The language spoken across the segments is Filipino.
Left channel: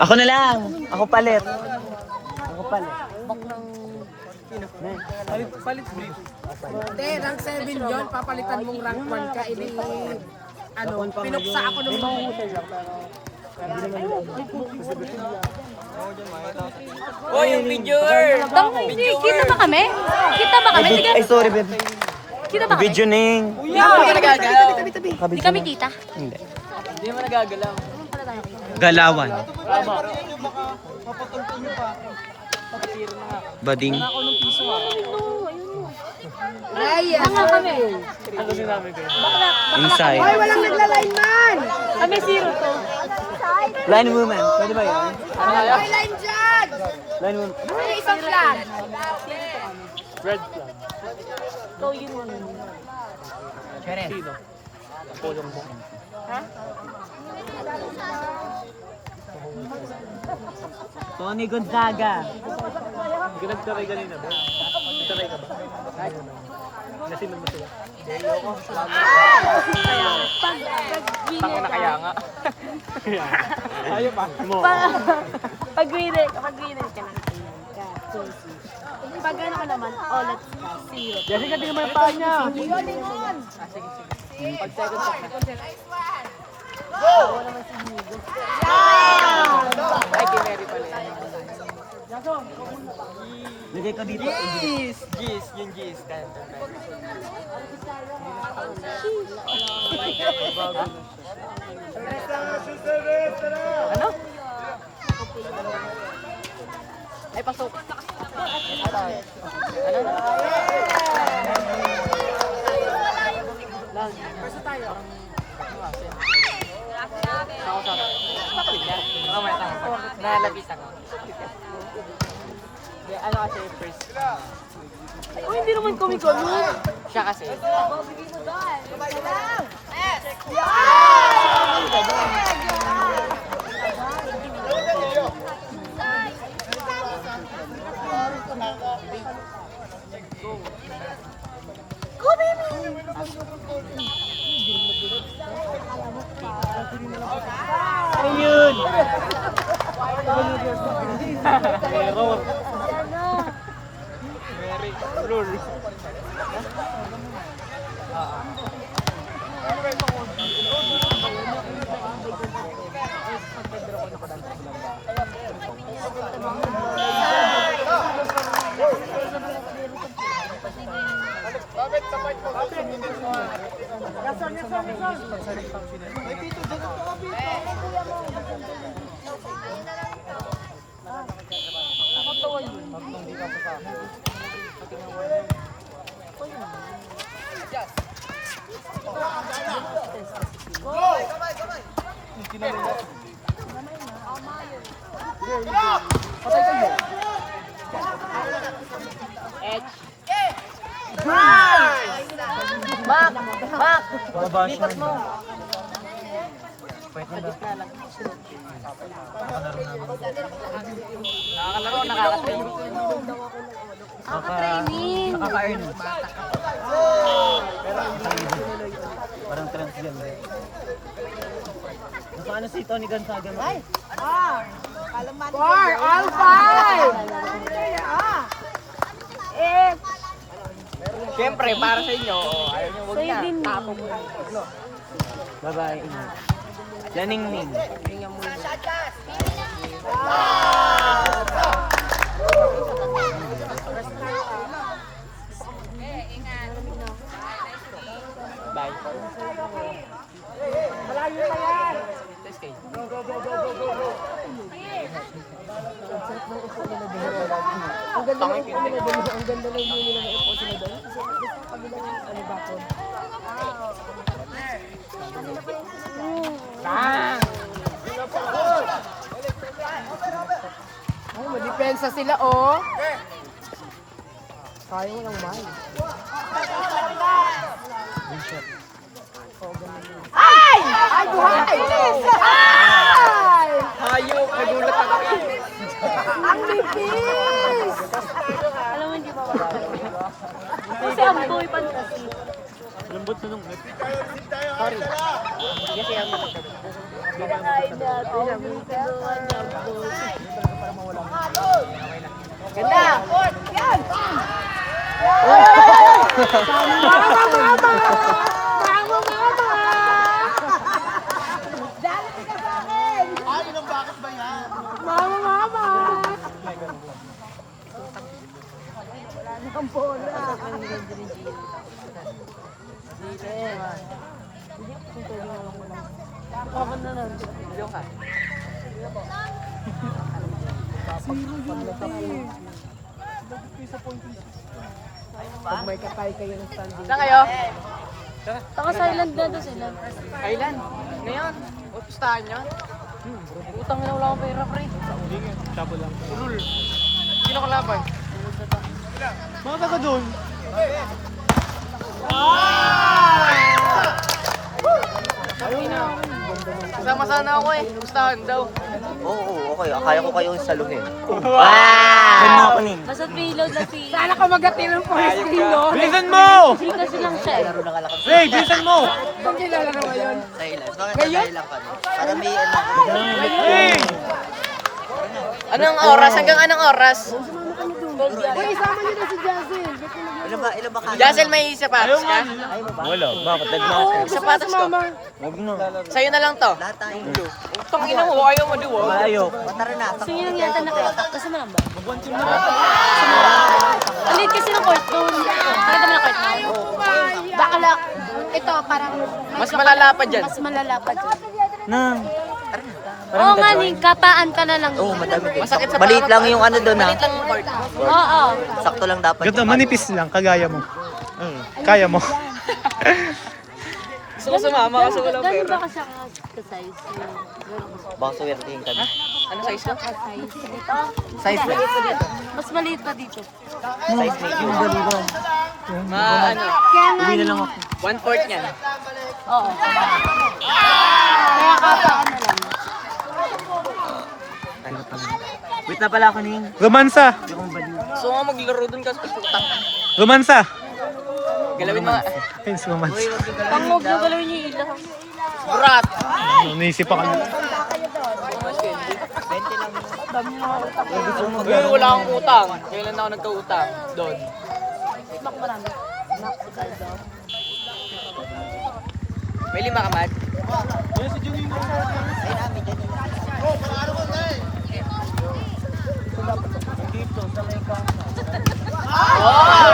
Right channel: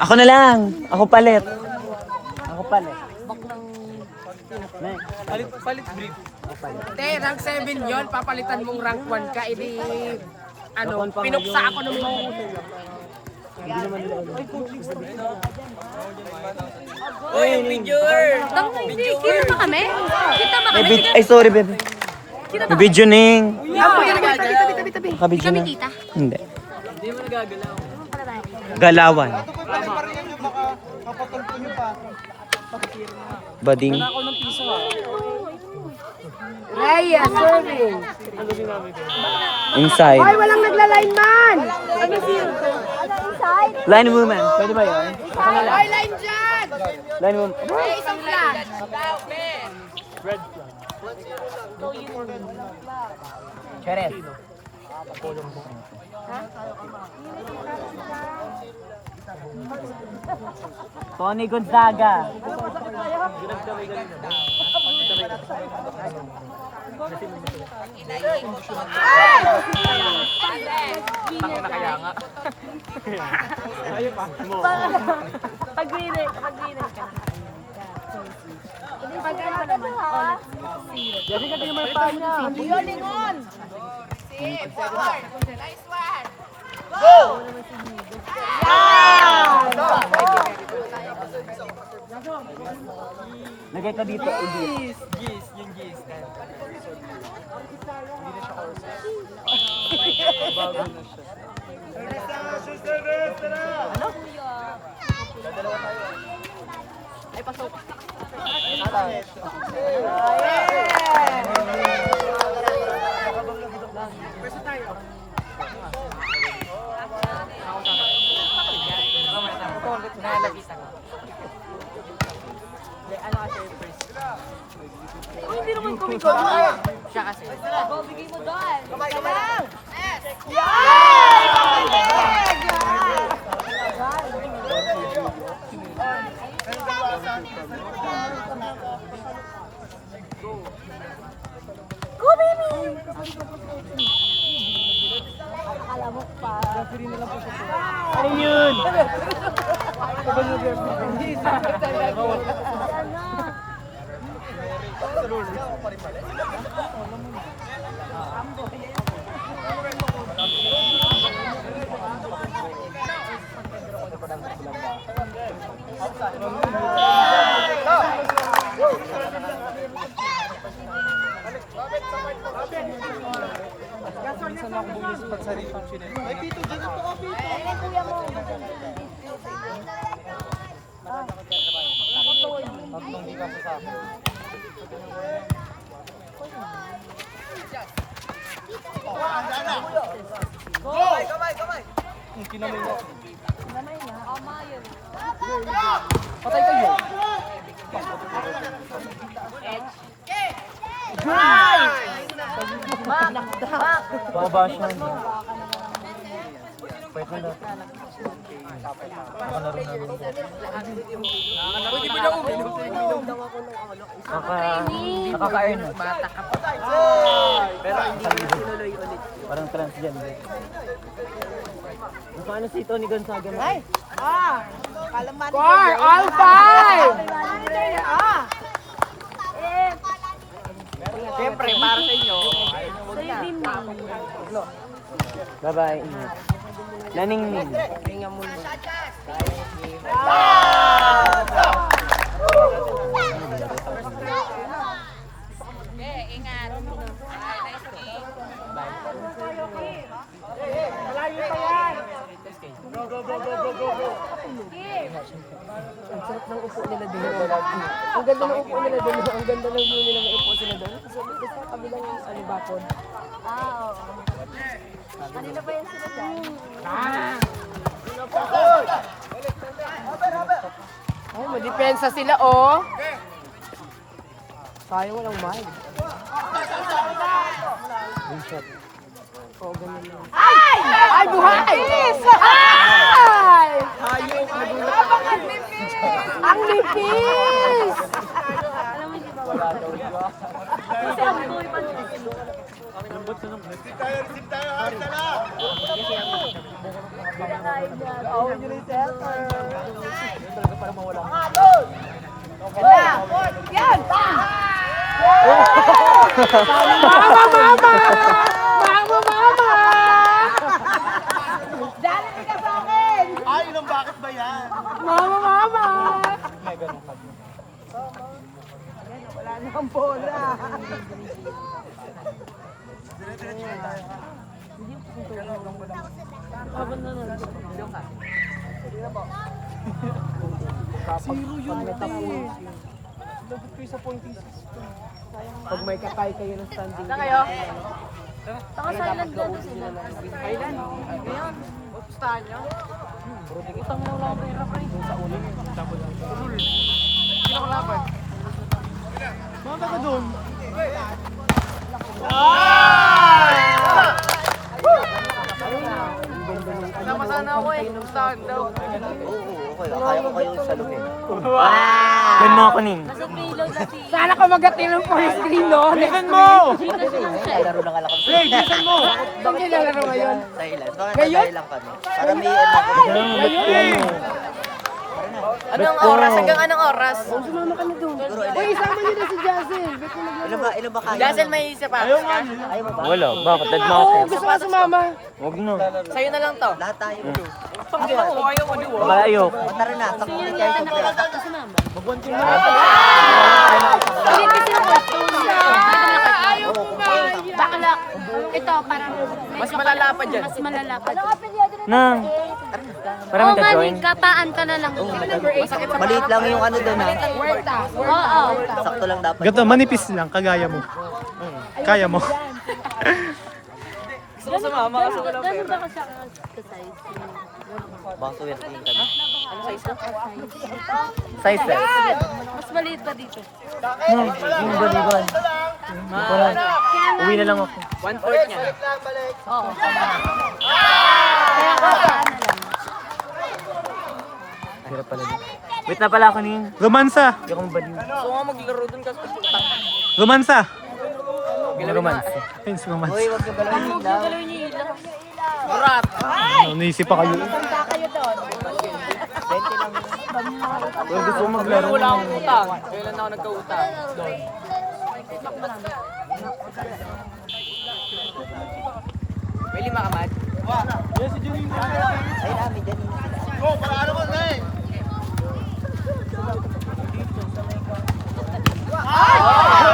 Ako na lang. Ako palit. Ako palit. Bak ng... Palit brief. Te, rank 7 yun. Papalitan mong rank 1 ka. Edi... Ano, pinuksa ako nung mga... Oh, yung videoer! Kita ba kami? Kita ba kami? Sige, Ay, sorry, babe. kita ba kami? Video ning. Hindi mo nagagalaw. Hindi kami kita. Hindi. Hindi mo nagagalaw. Galawan. Pari-parihan nyo baka mapatulpo nyo pa. Bading. Ay, Ano sinabi ko? Inside. walang nagla-lineman! Kami zero. Line woman. Pwede ba yun? Ay, line dyan! Line woman. Isang flag. Red flag. Cheres. Tony Gonzaga. Ginagdaway ganun na. Nasiman mo sila. Tako na kaya nga. Ayaw pa. Pag-winner ka lang. Pag ano ka naman, all at zero. Kasi ka din palitan niya. Lagay ka dito. Gis, yung gis. Ay, pasok. Nalapitan nga. Ano kasi first? Ay, hindi naman kumi-kumi. Siya kasi. Go, baby! Ano yun? Ay, Pito, dyan ito ka, Pito. Kumabasyan. Pwede na dati. Nakalaro namin. Nakaka-earn. Parang transgender. Paano si Tony Gonzaga na? Four, all five! Siyempre, para sa inyo. Sa'yo din na. Bye-bye. Laningning. Malayo pa yan! Go, go, go, go, go, go, go. Ang ganda ng upo nila doon. Ang ganda ng view nila ng upo sila doon. Kasi gusto ko kabilang ano ba po? Ay, madipensa sila, oh. Kaya walang mahal. Ay! Ay, buhay! Ay! Hayop, nagulat ako. Ang lipis! Alam mo, hindi pa makakabili. Kasi ang boy pa kasi. Lambot sa nung. Hindi na kaya bahay natin. Ang tulungan niya, boy. Kapan na lang. Pag may kakay kayo ng standing. Saan kayo? Taka silent na doon sila. Kailan? Ngayon? Upustahan nyo? Utang na wala akong pera, pre. Sino kalaban? Mga taga doon. Sama sana ako eh. Upustahan daw. Oo, okay. Kaya ko kayo salugin. Wow! Yung mga kunin. Nasa payload na si... Sana ko magating ng first screen doon. Bilisan mo! Hindi kasi lang siya. Hey, bilisan mo! Kung kilala naman yun. Hey! Anong oras? Hanggang anong oras? Uy, sama niyo na si Jazel. Ilan ba kayo? Jazel, may sapatos ka? Wala. Bakit? Dead na ako. Sapatos ko. Huwag na. Sa'yo na lang to. Lahat tayo. Pangina mo, ayaw mo diwa. Malayo. Tara na. Sino nang yata nakatatak? Kasama lang ba? Hindi kasi ng court doon. Nakita mo na court? Ayaw mo ba? Bakala. Ito, parang... Mas malala pa dyan. Mas malala pa dyan. Na. Oo nga, ni kapaan ka na lang. Masakit sa Maliit lang yung ano doon ha. Maliit lang yung court. Oo. Sakto lang dapat. Ganito, manipis lang, kagaya mo. Kaya mo. Gusto ko sumama kasi walang Gano'n pera. ba kasi ang size? Baka suwertihin ka na. Ano size ka? Size dito? Size lang. Mas maliit pa dito. Size lang. Yung balikan. Ano? Kaya nga, Uwi na lang ako. 1/4 niyan. oo. Kaya kapaan na lang. Hirap pala yun. Wait na pala ako niyan. Romansa! Hindi ako mabali. So nga maglaro dun kasi puta. Romansa! Galawin mo. Ayun, si romansa. Uy, wag ka Ang galawin huwag daw. mo galoy niyo ilaw. Urat. Ano, naisip pa kayo. Huwag gusto Uy, maglaro. wala akong utang. Kailan ako nagka-utang? Doon. Smak marami. Smak si Galdo. May 5 ka, Mad?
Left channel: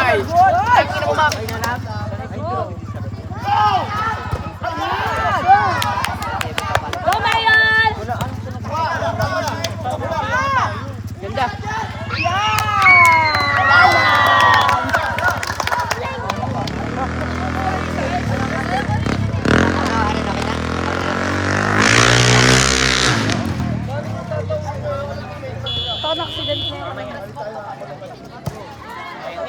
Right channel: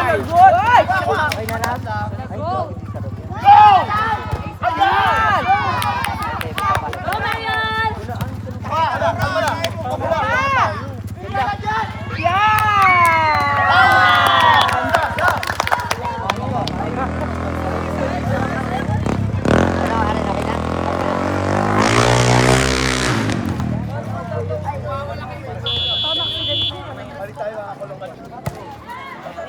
Ay! Oh, Marian! Paano accident na?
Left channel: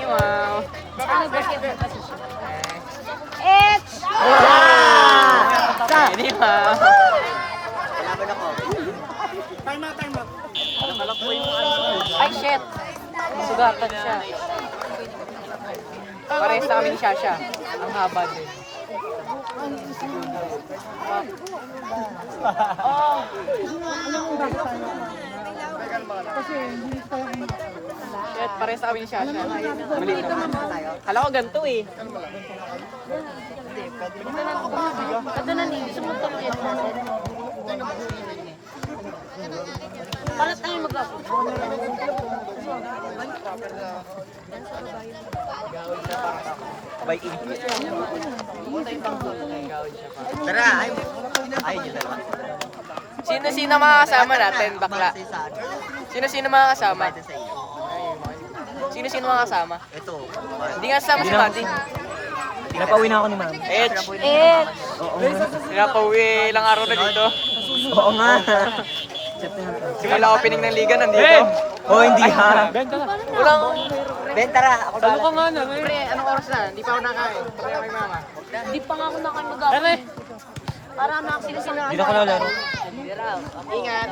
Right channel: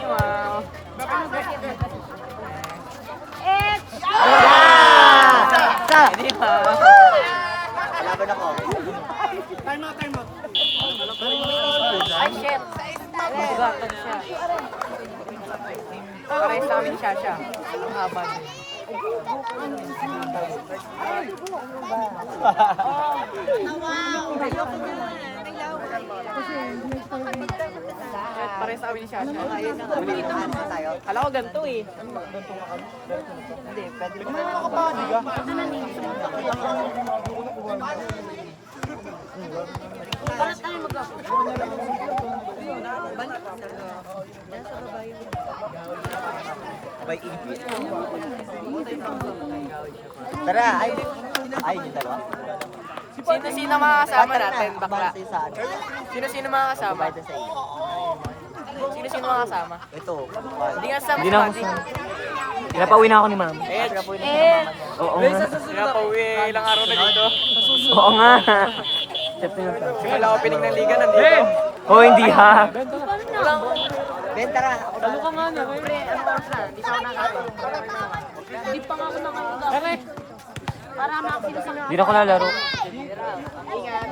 Wow. Ano ba siya kasi siya? Hindi pa. Time out, time out. Ay, shit. Sugatan siya. Parehas na kami ni Shasha. Ang haba din. Shit, parehas na kami ni Shasha. Ulit naman. Kala ko ganito eh. Ito na din, sumuntok yan natin. Paano tayo mag-upload? By in. Tara, ay. Ay, yung dalawa. Sino-sino mga kasama natin, bakla? Bangsa sa ano. Sino-sino mga kasama? Bayad sa iyo. Sino-sino mga kasama? Ito. Hindi nga kasama Hindi si na Mati. Pinapauwi na ako ni Ma'am. Eh, Oo nga. pinapauwi ilang araw na dito. Oo nga. Simula opening ng liga, nandito. Oh, hindi ha. Wala akong... Ben, tara. Ako ba? Pre, anong oras na? Hindi pa ako nakain. Hindi pa nga ako nakakag-upload. Para makakita Hindi na ako lalaro. Ingat.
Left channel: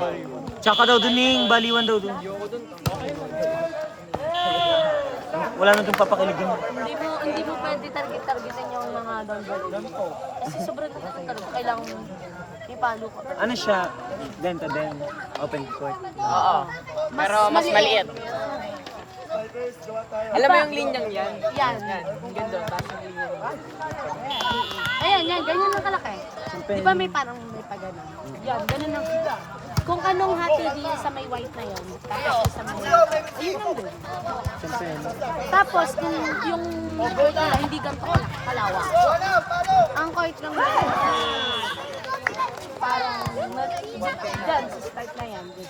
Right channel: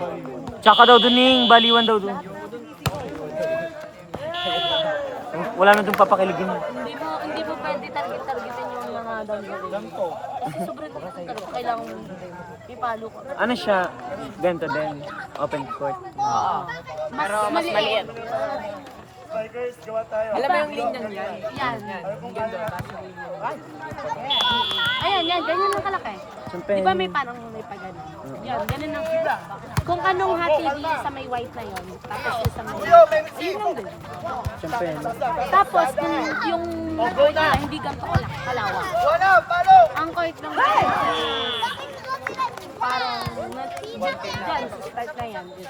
Tsaka daw dun yung baliwan daw dun. Wala na dun papakiligan. Hindi mo pwede targetin yung mga down value. Kasi sobrang talaga kailangan May palo ko. Ano siya? Ganito din. Open court. Oo. Pero mas maliit. Alam mo yung linyang yan? Yan. Ang ganda, basic linya. Ayan, yan. Ganyan lang kalaki. Siyempre, Di ba may parang may paganon? Yan, ganun lang. Kung anong hati di sa may white na yon, tapos yung sa may... Ayun lang din. siyempre, Tapos kung yung court nila hindi ganito kalawak. Ang court lang nila parang dyan sa start na yan. Di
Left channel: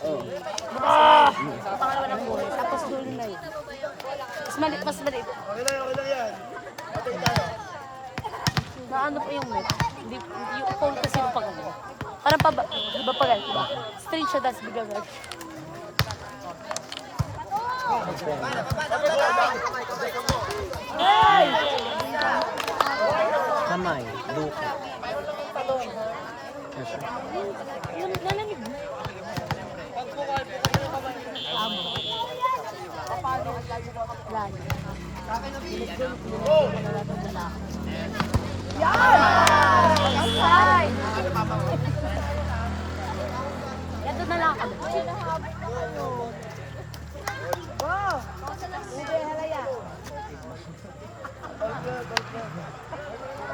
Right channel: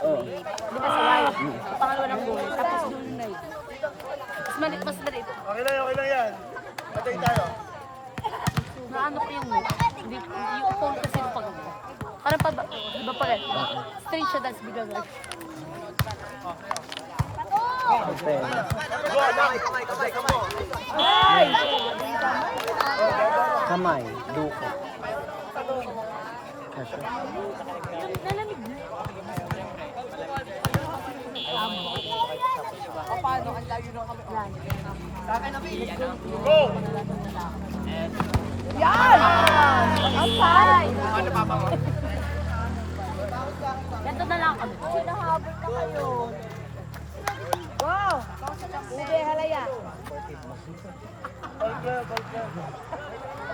ba sa white? Yung pangalawa ng goal. Tapos doon na yun. Mas maliit, mas maliit. Naano pa yung net? Hindi, yung pole kasi yung pagano. Parang pa, di ba pagano? Diba? Straight siya, tapos bigla na. kamay, duko. Kasya. Lalamig na. Amo. Lalo. Binagdun pa na lahat ng lalaki. Ay! Yan na lang kami.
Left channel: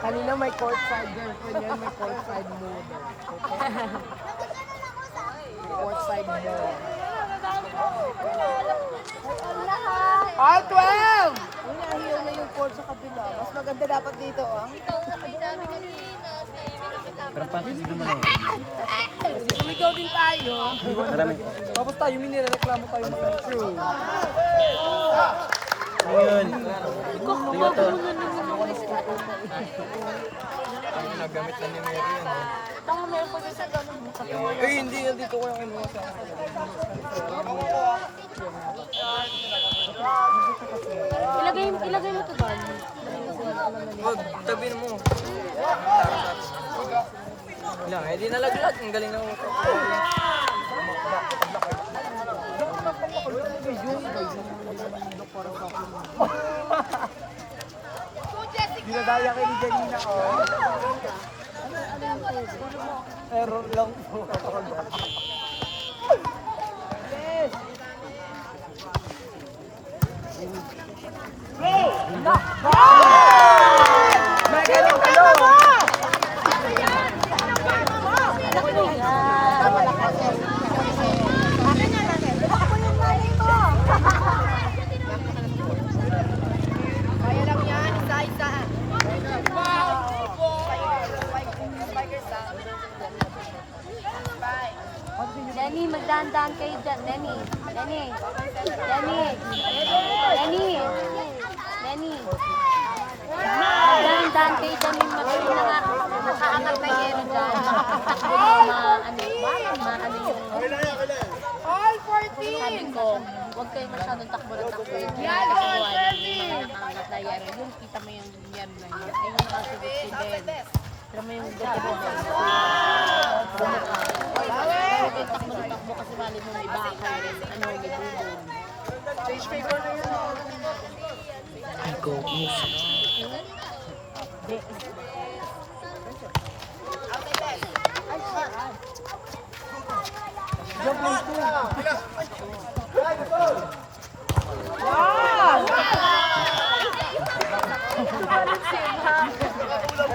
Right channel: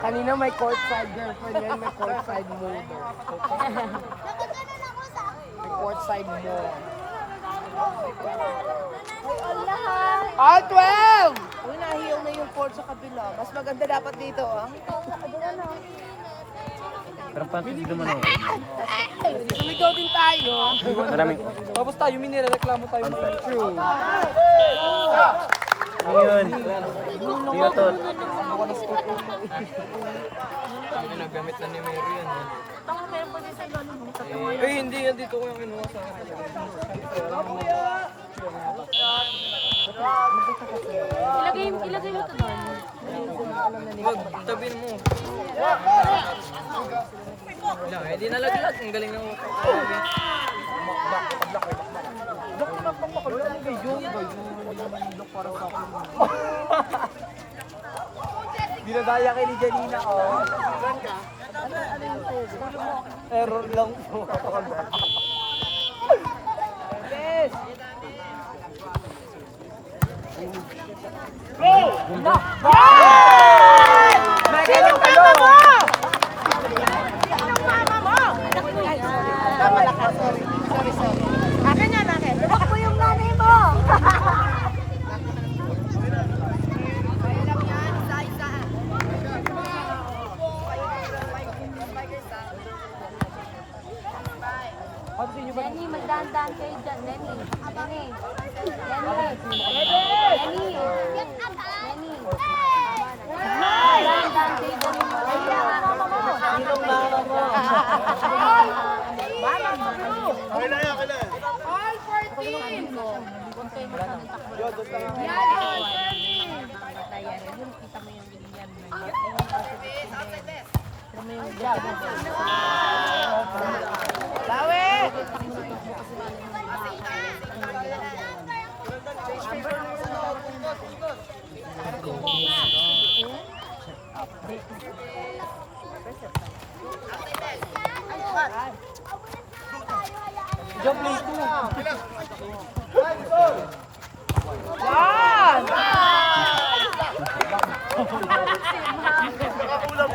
Kanina may courtside girlfriend yan, may courtside move. May courtside move. Ah, 12! Uy, nahiyang na yung court sa kabila. Mas maganda dapat dito, ah. Parang pantis dumano. Ikaw din tayo. Maraming. Tapos tayo, may nireklamo tayo. True. Ano yun? Di ba to? Ang nagamit na ni Mary yan, eh. Tama, meron pa din sa lalo mo. Sabi mo Eh, hindi yan dito ko yung kinuha sa akin talaga. ilagay mo to doon. Malinis mo. Wag, tabihin mo. Lang, eh, di nalaglag. Ang galing ng utak. Dinadaya kay ni Janina. Saan ka? Error lang po. Anak mo yan. Lenny, magdahan-dahan kayo dyan. Lenny. Lenny. Lenny. Lenny. Lenny. Magdahan kayo dyan. All 14! Okay lang yan, okay lang. All 14! Huwag kayo masyadong takbo. Yan! Yung kita mo yung yan mo. Ayun ang also with si Ben. Pero mo yung gato mo. Takbo kasi mali mo iba ka. Ano mo doon. Ay, hot.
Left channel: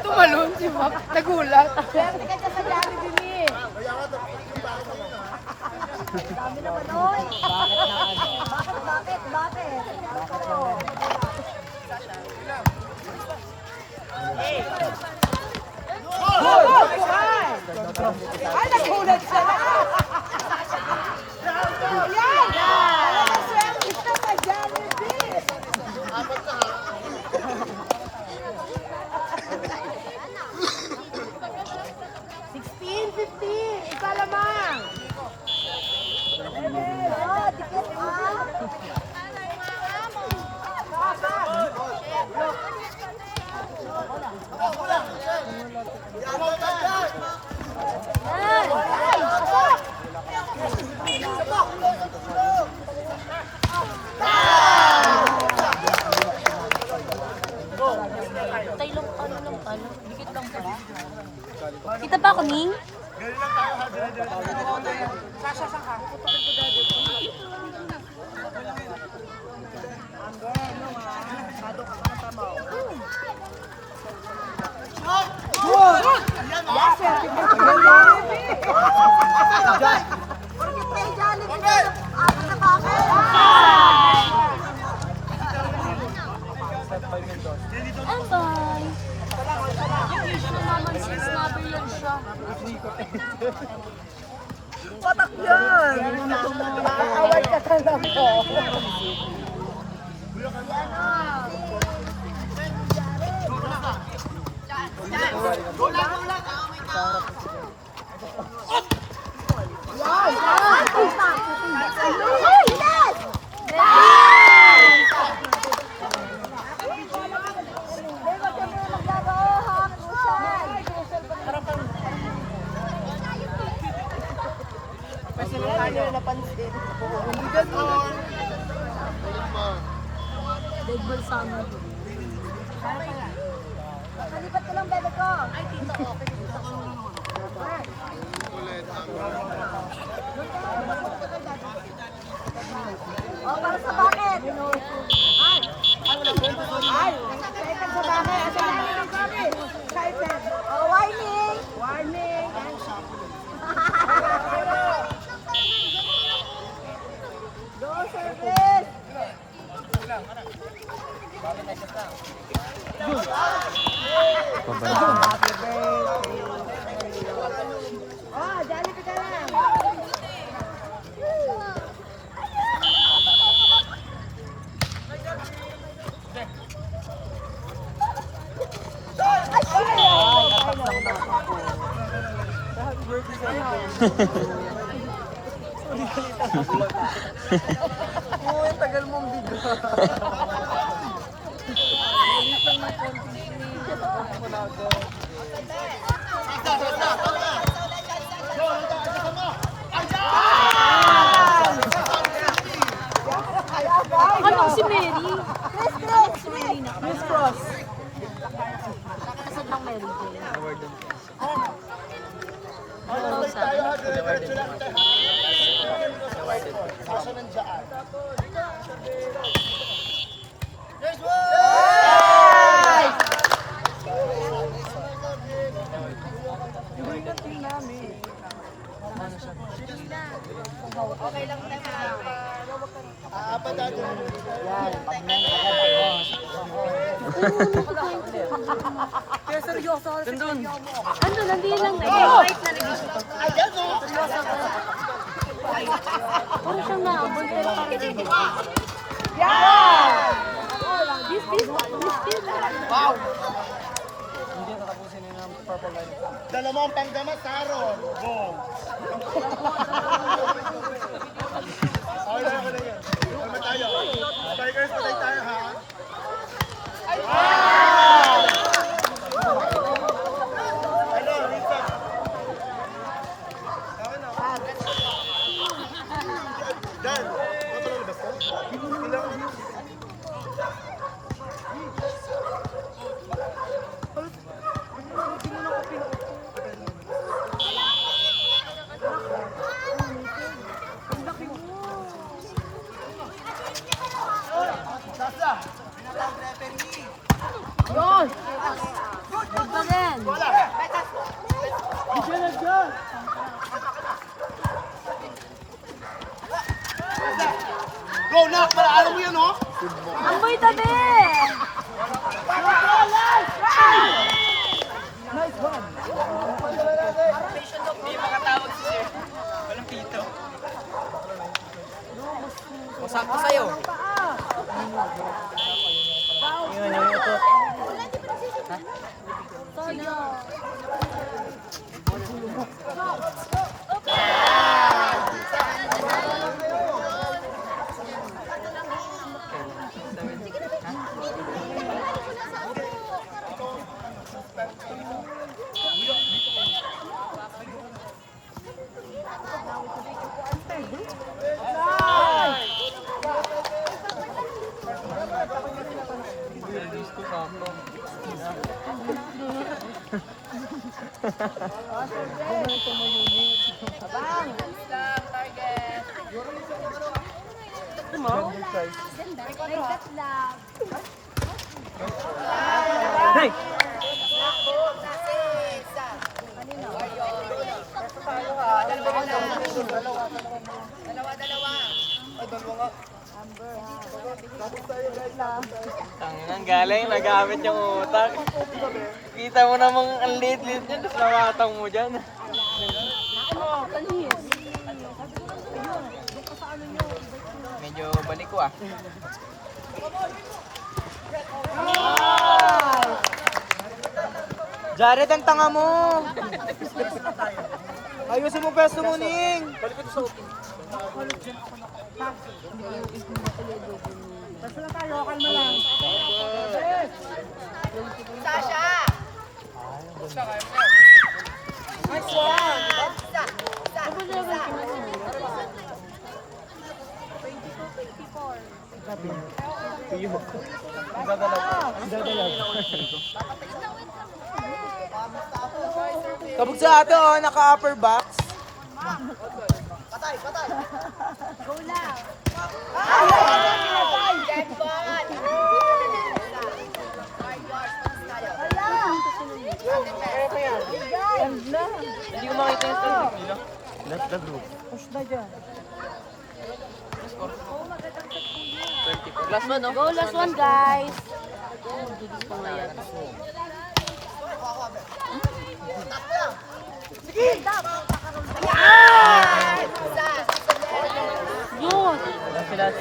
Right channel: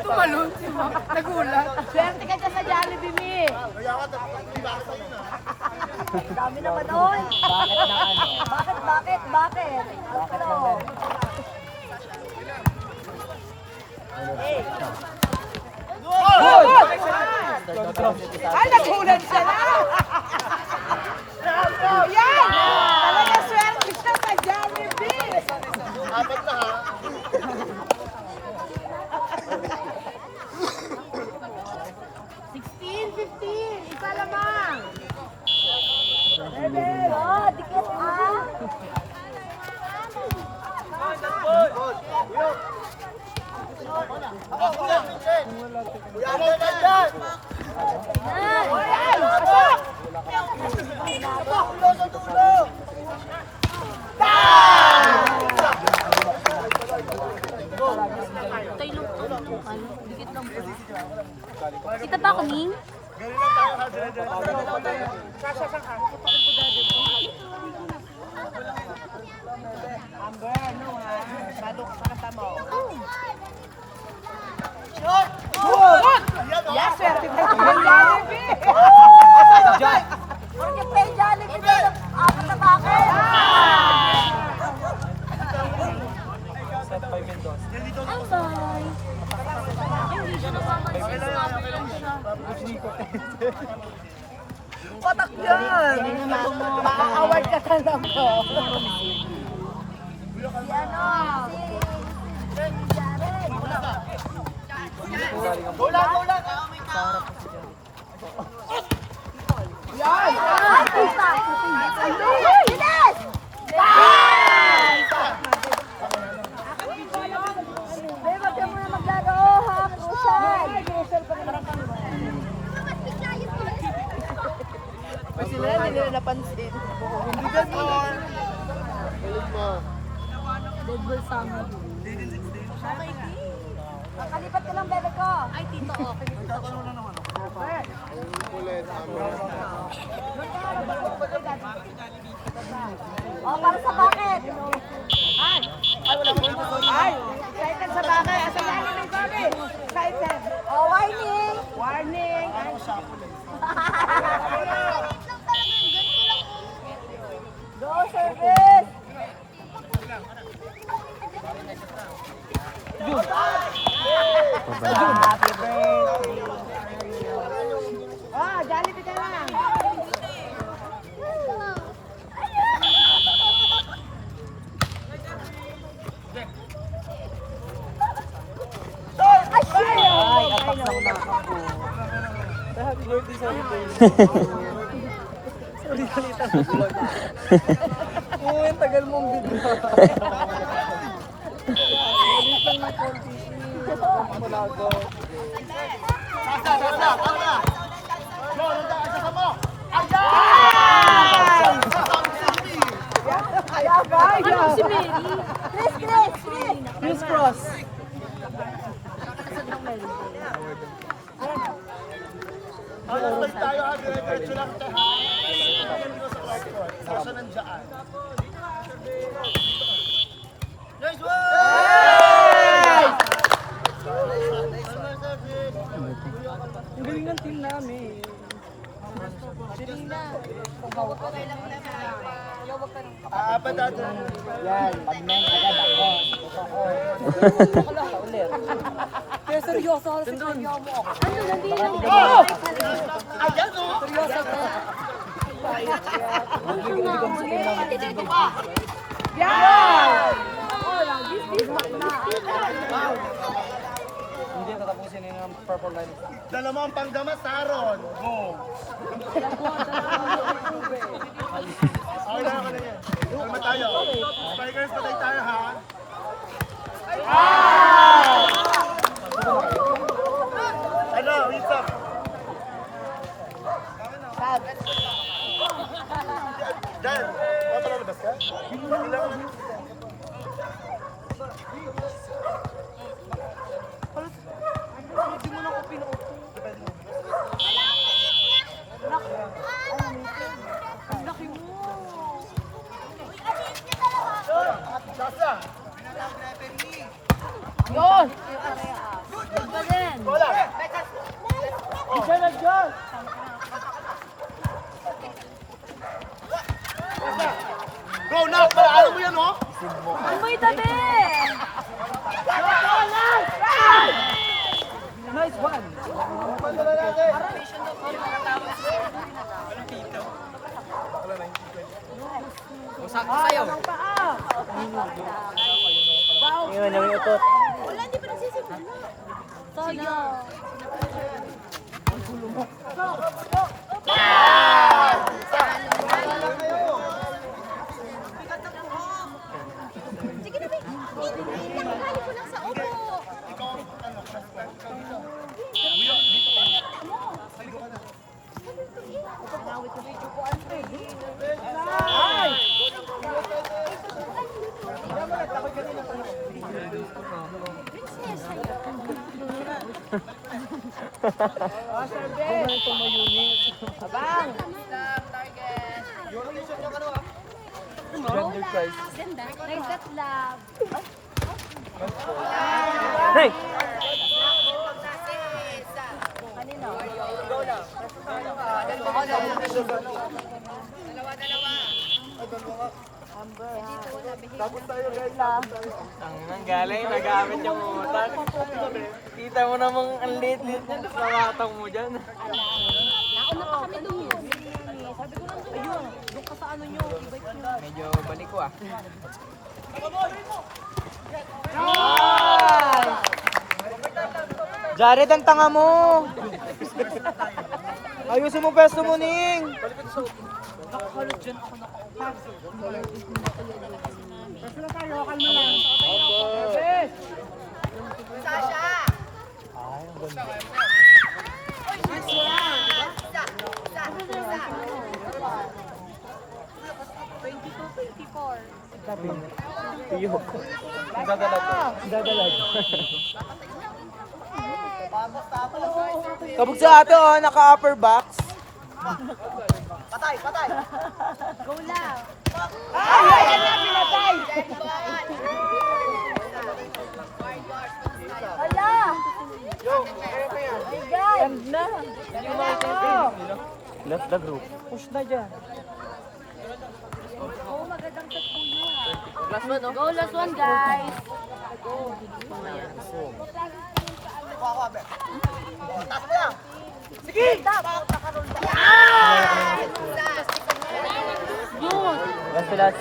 Tumalon si Map. Nagulat. Ay, nagulat siya. Apat na ha. 15! Isa lamang! Dikit ha! Tayo lang, dikit lang pa. Kita ba ako, Ning? Sasha, saan ka? Bye. Hindi siya namamansin. Sinabi lang siya. Award ka ka lang to. Dead ball sa amin. Ano si Mary? Chris Cross. Nakasad ng Mary Jane. Ano, nandito lang. Parang siyang naabot. Dalawang panggamas, Aaron. Go. Okay na yan. Kalma tayo. Strikers, patay tayo ha. Ano, isa. Dan. Papalalabas ka? Yun! Good pa rin. Let's go. Go na, para alam mo yan, oh. Ang may tabi! Masakto sa'yo. Yun, yung utot. Hey! Ang galing, nagamit yung utak. Kita mo namang ang liit-liit niya, tapos namatang mo dyan. Medyo balik ko ah. Jared, ang tanga mo! Ayusin mo pesto mo, Ning! Basta na tayo, kalma lang. Next one! Kabog sa ato, naka-upper box. Hindi ko makita yung team. Let the group. Last one, no? Go, last one, guys. Bilis pa nga yan. Yun. Last to last.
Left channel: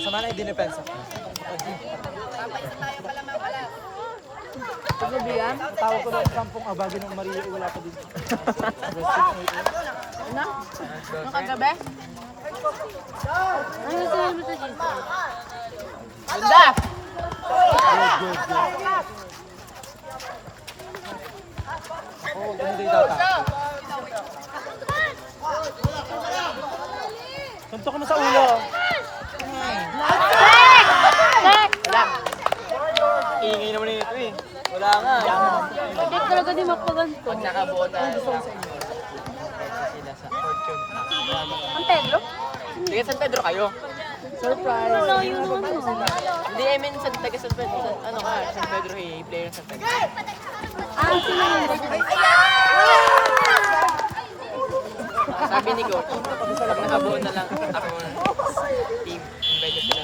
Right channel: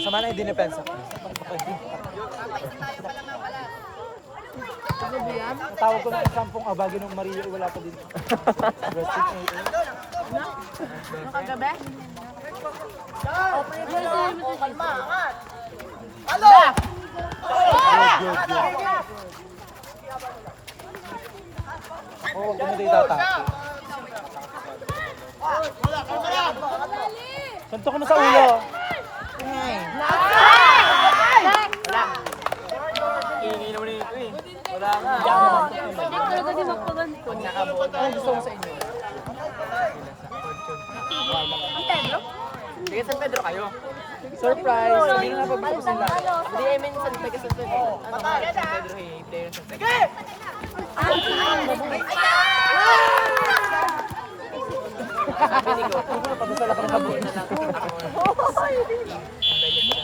Sama na yung dinepensa. Tawag ko lang yung kampong abagin ng Maria, wala pa din. Yung kagabi? Ano sabi mo ito, Jesse? Kanto ko na sa ulo. Ingay naman ito eh. Wala nga. Hindi talaga di magpaganto. Nakabota na gusto sa inyo. Ang Pedro? Taga San Pedro kayo. Surprise! Hindi, I mean, taga San Pedro. Ano nga, San Pedro, hey, player ng San Pedro. Ang sinunod. Sabi ni Go, nakabuo na lang akong team. Ang pwede sila.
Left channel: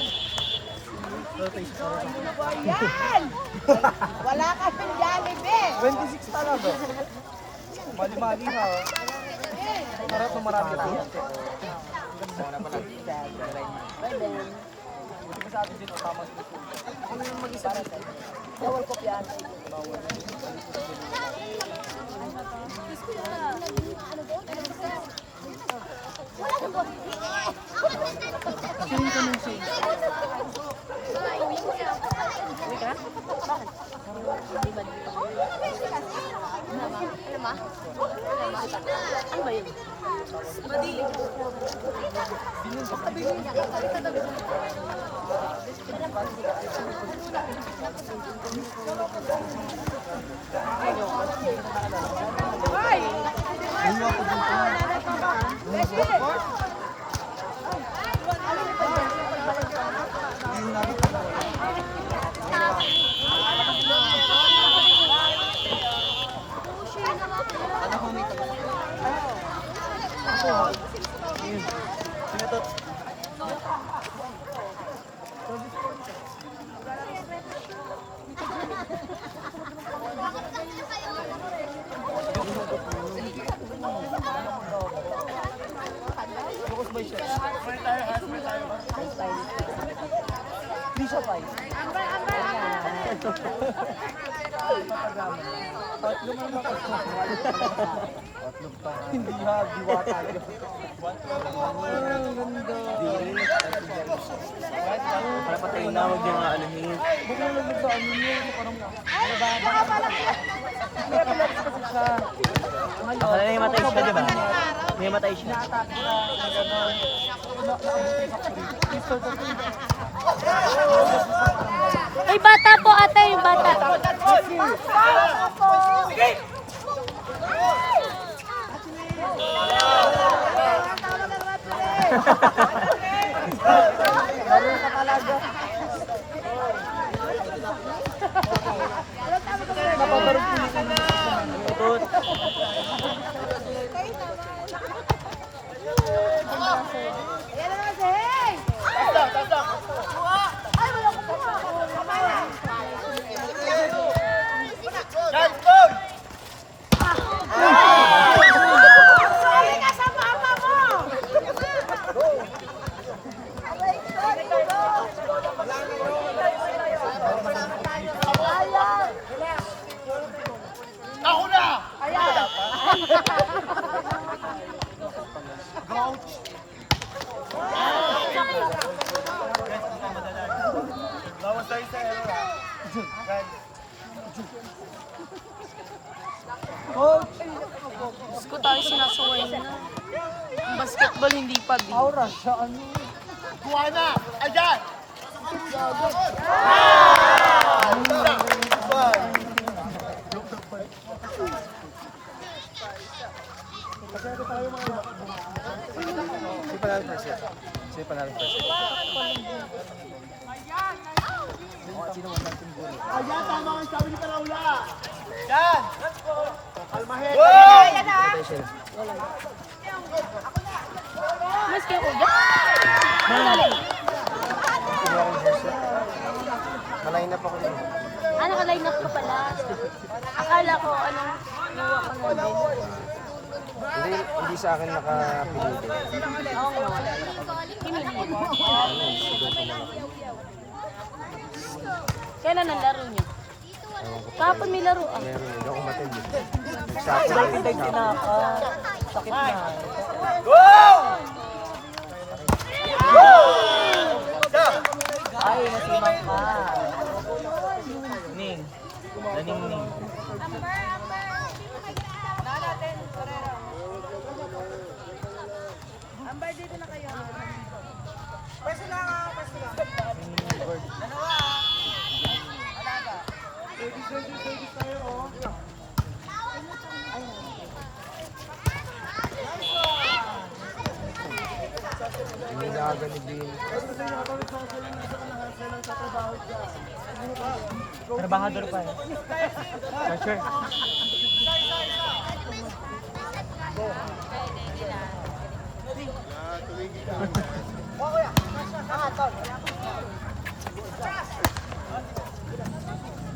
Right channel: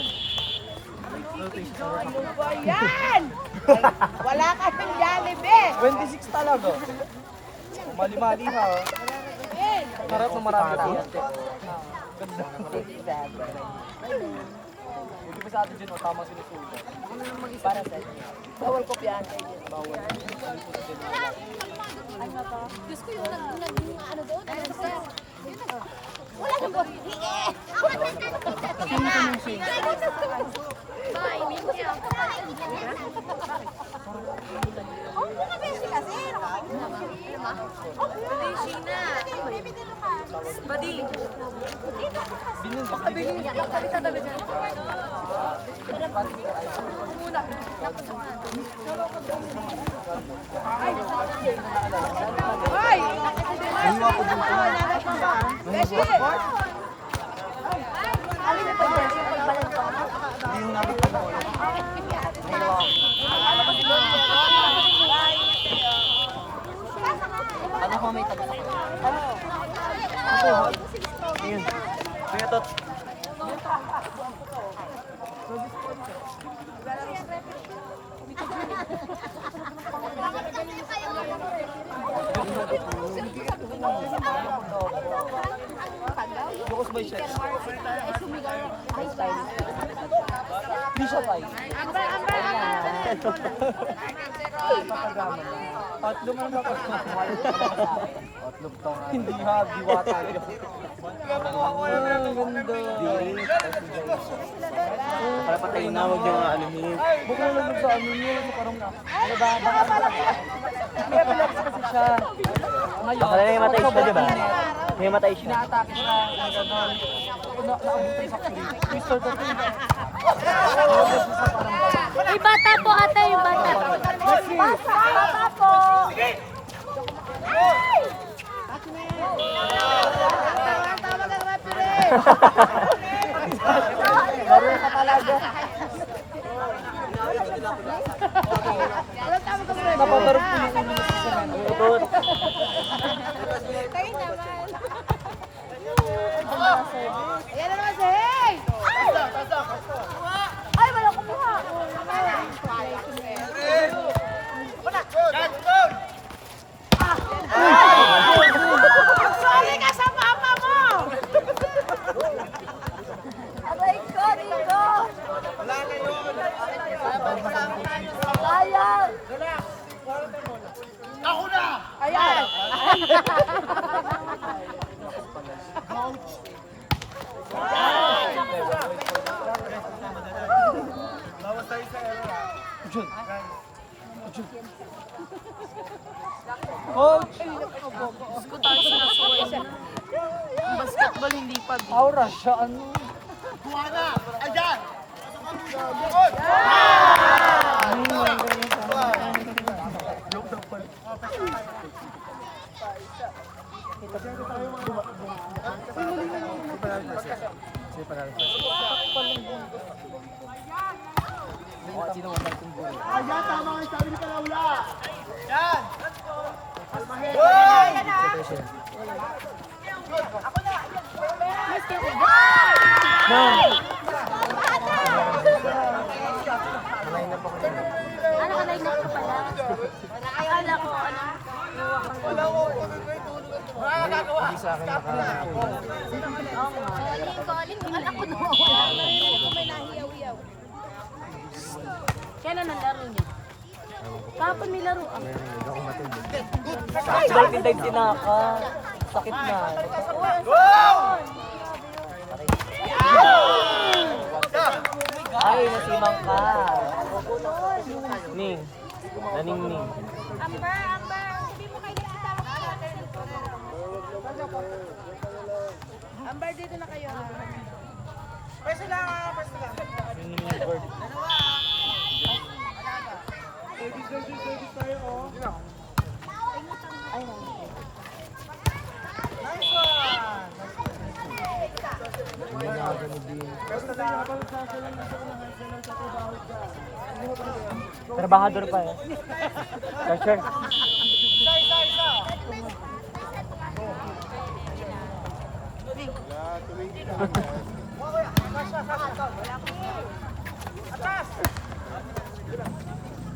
Wala ka pindyan, bebe! 26 talaga. Mali-mali na. Direct mo marami. Ako na lang mag-isa dito. Bawal ko piyan. Sino ka nung sing? Ano ko may tago sa kanya? Sino to? Hindi ha, diwata. Para patayin na huwag yung anuhin. Baka na yung matay siya, di ba? May matay siya. Ay, bata po ate, yung bata. Diyos ko tayo sinasaway na. Ang basketball hindi pa din. Kuha na! Ayan! Ayan, tama ang sabi ni Palaula! Yan! Mas kayo ko ba? Ano, line up ka pala? Akala ko, ano, iwa ko na din. Hindi sa akin nakapili. Oo nga. Pinili mo. Kailan ang laro niya? Kahapon may laro ah. Ning. Naning. Service tayo, oh. Kasi habang sila nasa unahan, sila sa trabaho dyan. Trabahador pa eh. Sure.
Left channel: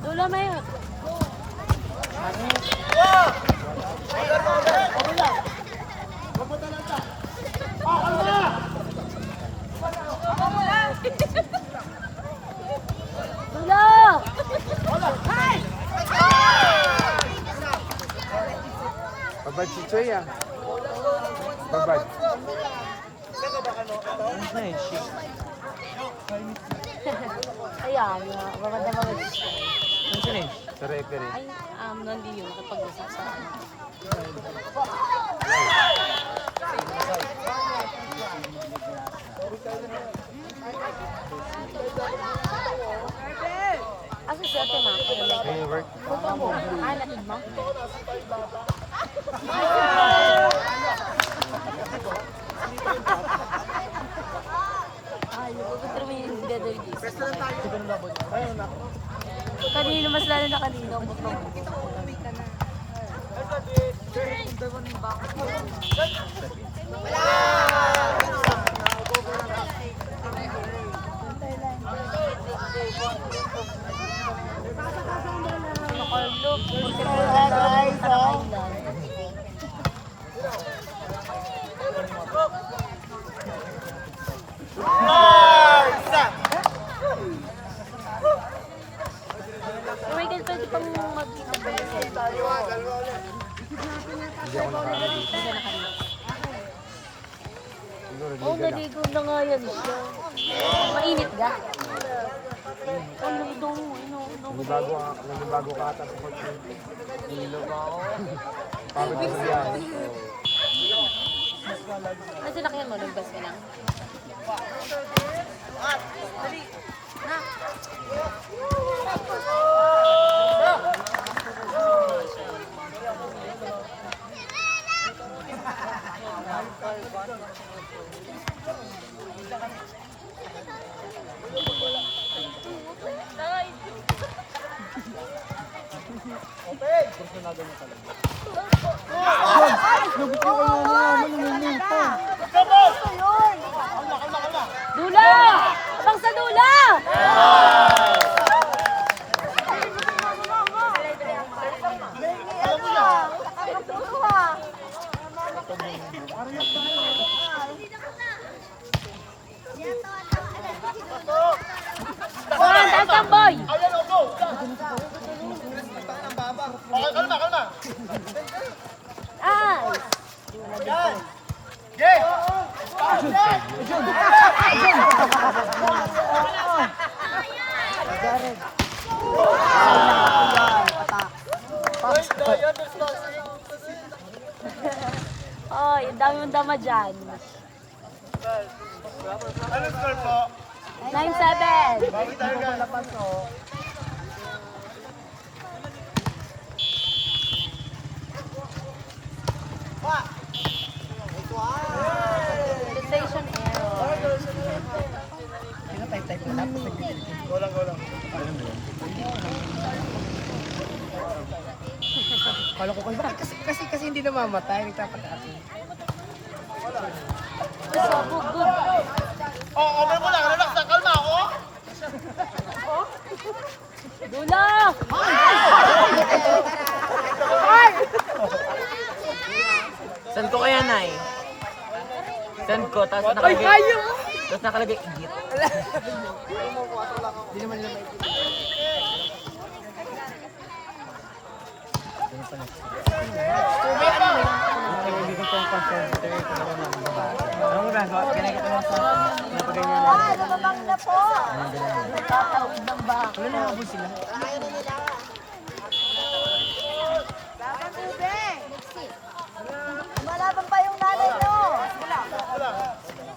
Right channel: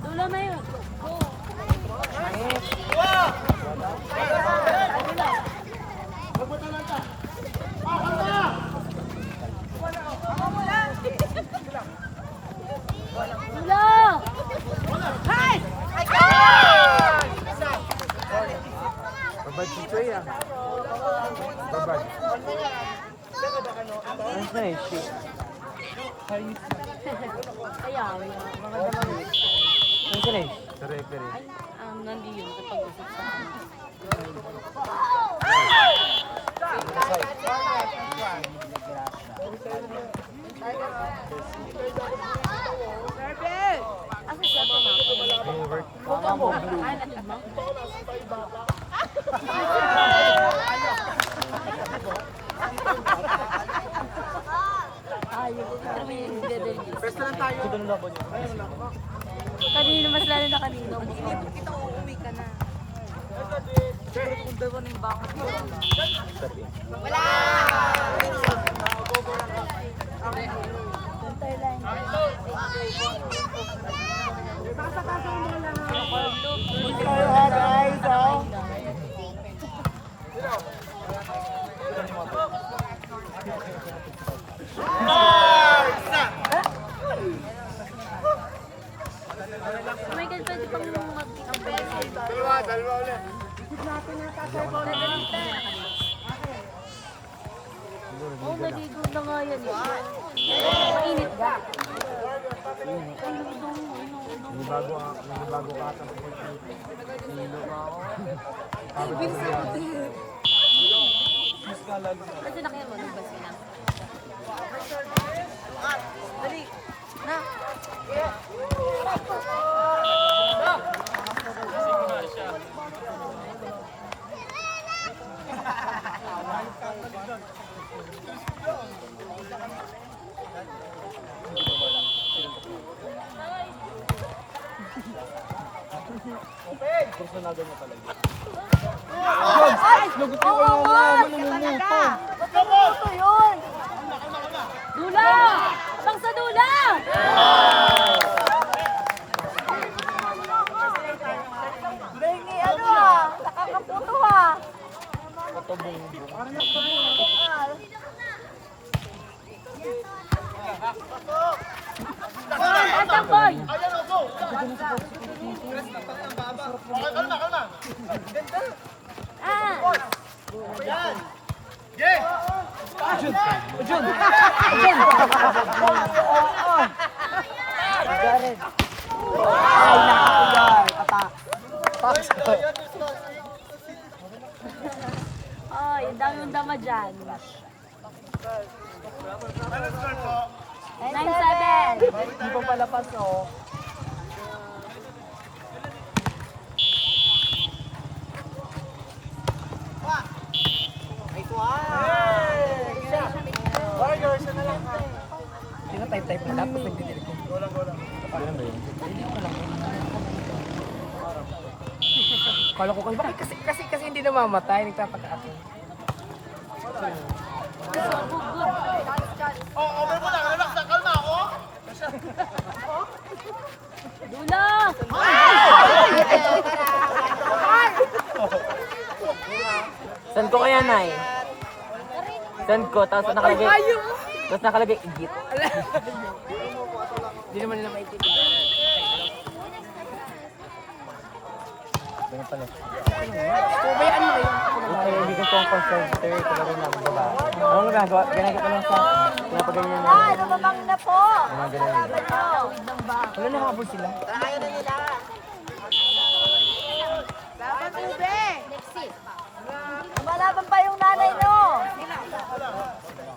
Dula na yun. Huwag mo talanta. Oh, kalma! Dula! Babad si Choy ah. Babad. Kaya nga, babad na babad. Saan sila eh? Pere. Ay, nandun yun, nakipag-usap sa ano. Asa siya ito ma? Ah, natid mo? Pero may dedel bis. Pesta lang tayo. Ayun, nako. Kanino, mas lalo na kanino. Tayo ha, guys, oh. Michael, pwede pang mag-stabilize. Tayo ha, dalawa ulit. Oo, naligo na nga yan siya. Mainit ka. Ang ludo, ano. Bago ka ata sa Kasi na kayo, nalagdas ka na. Dula! Abang sa dula! Boy, taas boy! Ay! Oy, ang dami mong dama dyan. 9-7. Kala ko kayo, kasi hindi namamatay, nagtataka ako. Dula! Send ko kaya, Nay? Send ko, tapos nakalagay igit. Hindi naman nila maitigil. Hindi ko pong concern ko kayo kung naman namin ba? Ano mo nagawa? Ganyan ko lang sa pinapagaling mo. Ganyan. Tatawid ng ba? Ano nakabos sila? Malaman pa yung nanay mo!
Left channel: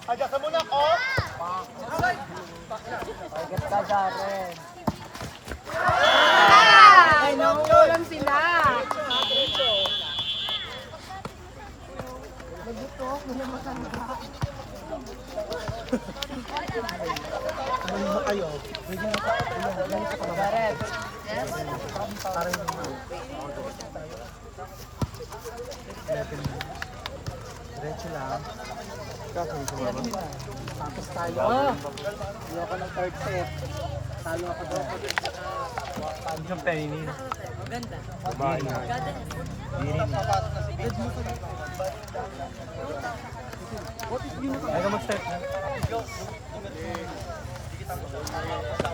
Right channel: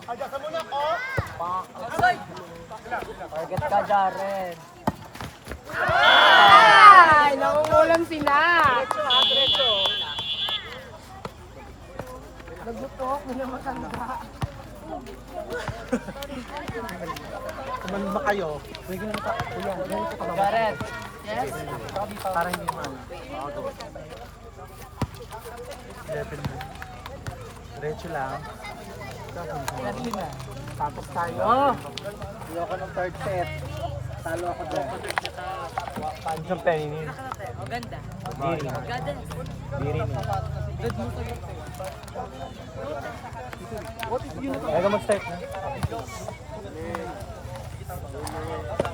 Ada ka muna, oh! Agad ka, Jaren. Ay, nauulam sila. Diretso. Kumalima kayo. Bigyan ng kulang. Ganyan sa kababa. Jaren. Yes? Parang yung ano. Diretso lang. Tapos tayo. Iwa ko ng third set. Talo ako doon. Ang siyang penny. O, ganda. Ganda. Dad mo kayo. Bago mag-start na.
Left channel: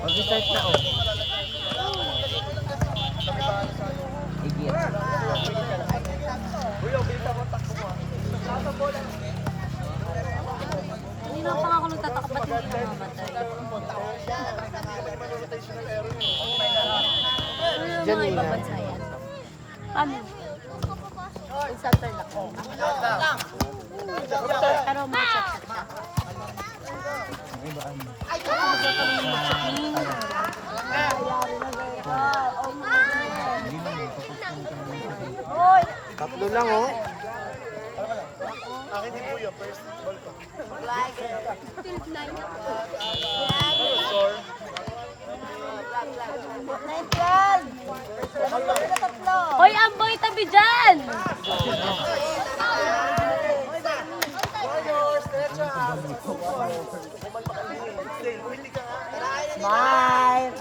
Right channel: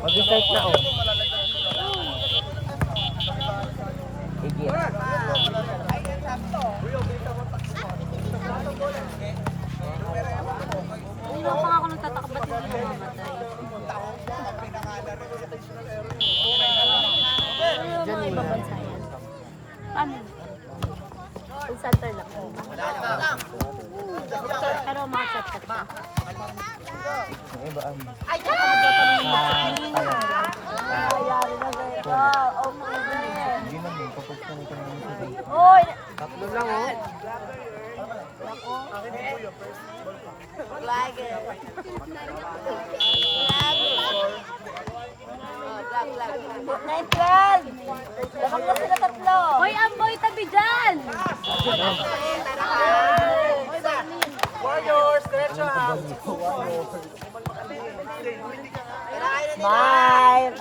Mag-start na, oh. Igit. Hindi na pa ako nagtataka ba't hindi namamatay. Ano yung mga ibang bansa yan? Paano? Kung center lang ba? Pero mga chat-chat ka. Ano ba ang... Hindi naman, kapag kami ka naman sa dito. Tatlo lang, oh. Hoy, Amboy, tabi dyan! Warriors, diretso. Smile.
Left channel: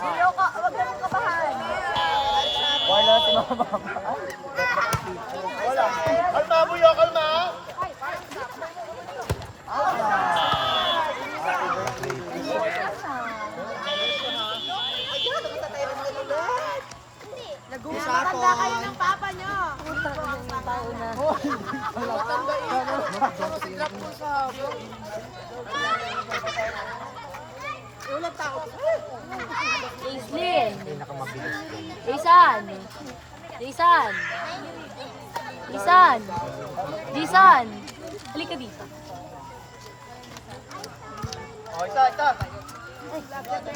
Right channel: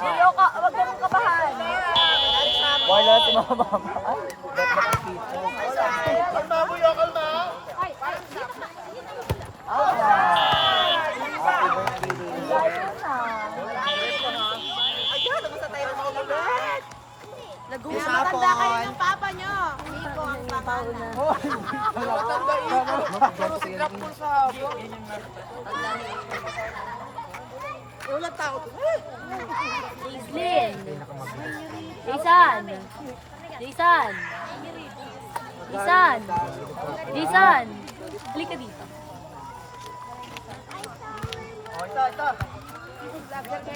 Kalma mo yun, kalma. Usapon. Puta ka yung tao na. Aislinn! Jason! Jason! Jason! Jason! Halika dito.